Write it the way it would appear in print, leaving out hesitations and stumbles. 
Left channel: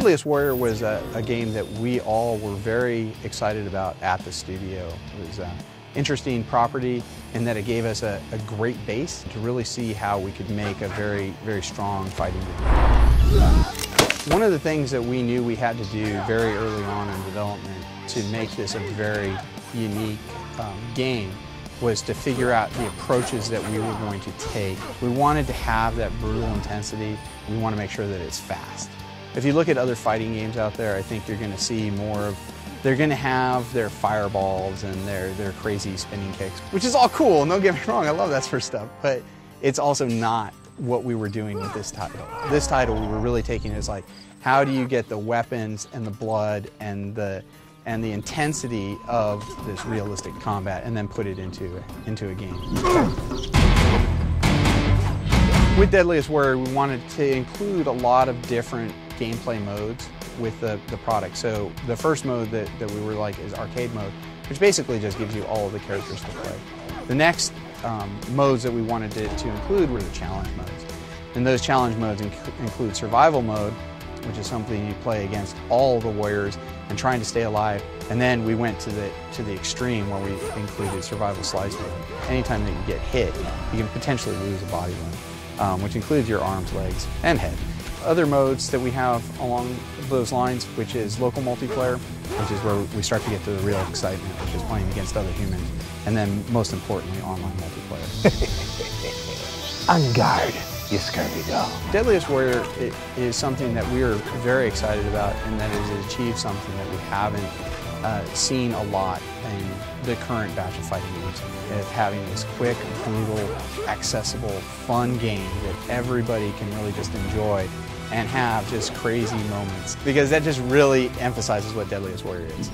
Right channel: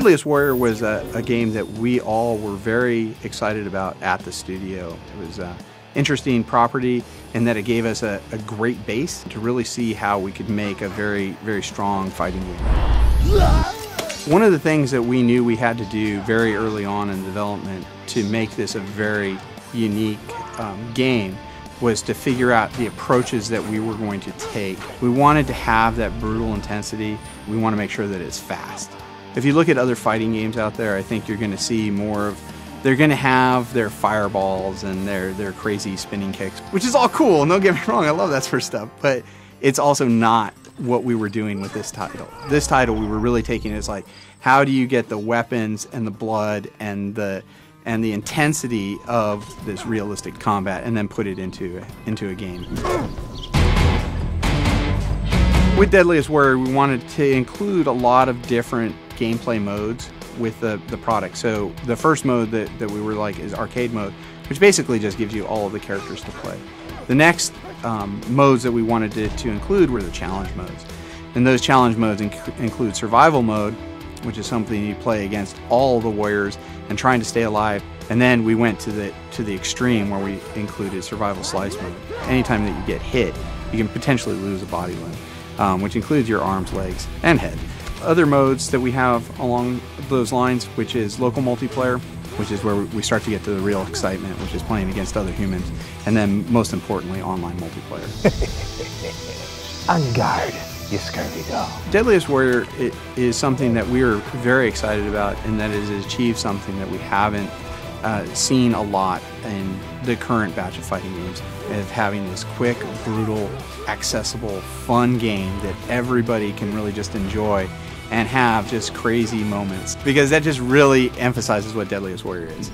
Deadliest Warrior was a game that we all were very excited about at the studio. It was an interesting property in that it gave us a great base to really see how we could make a very, very strong fighting game. One of the things that we knew we had to do very early on in development to make this a very unique game was to figure out the approaches that we were going to take. We wanted to have that brutal intensity. We want to make sure that it's fast. If you look at other fighting games out there, I think you're going to see more of, they're going to have their fireballs and their crazy spinning kicks, which is all cool, and don't get me wrong, I love that sort of stuff, but it's also not what we were doing with this title. This title we were really taking as like, how do you get the weapons and the blood and the intensity of this realistic combat and then put it into a game. With Deadliest Warrior, we wanted to include a lot of different gameplay modes with the product. So the first mode that we were like is arcade mode, which basically just gives you all of the characters to play. The next modes that we wanted to include were the challenge modes. And those challenge modes include survival mode, which is something you play against all the warriors and trying to stay alive. And then we went to the extreme where we included survival slice mode. Anytime that you get hit, you can potentially lose a body limb, which includes your arms, legs, and head. Other modes that we have along those lines, which is local multiplayer, which is where we start to get to the real excitement, which is playing against other humans, and then most importantly, online multiplayer. On guard, you scurvy dog. Deadliest Warrior is something that we are very excited about, and that is achieved something that we haven't seen a lot in the current batch of fighting games, of having this quick, brutal, accessible, fun game that everybody can really just enjoy and have just crazy moments, because that just really emphasizes what Deadliest Warrior is.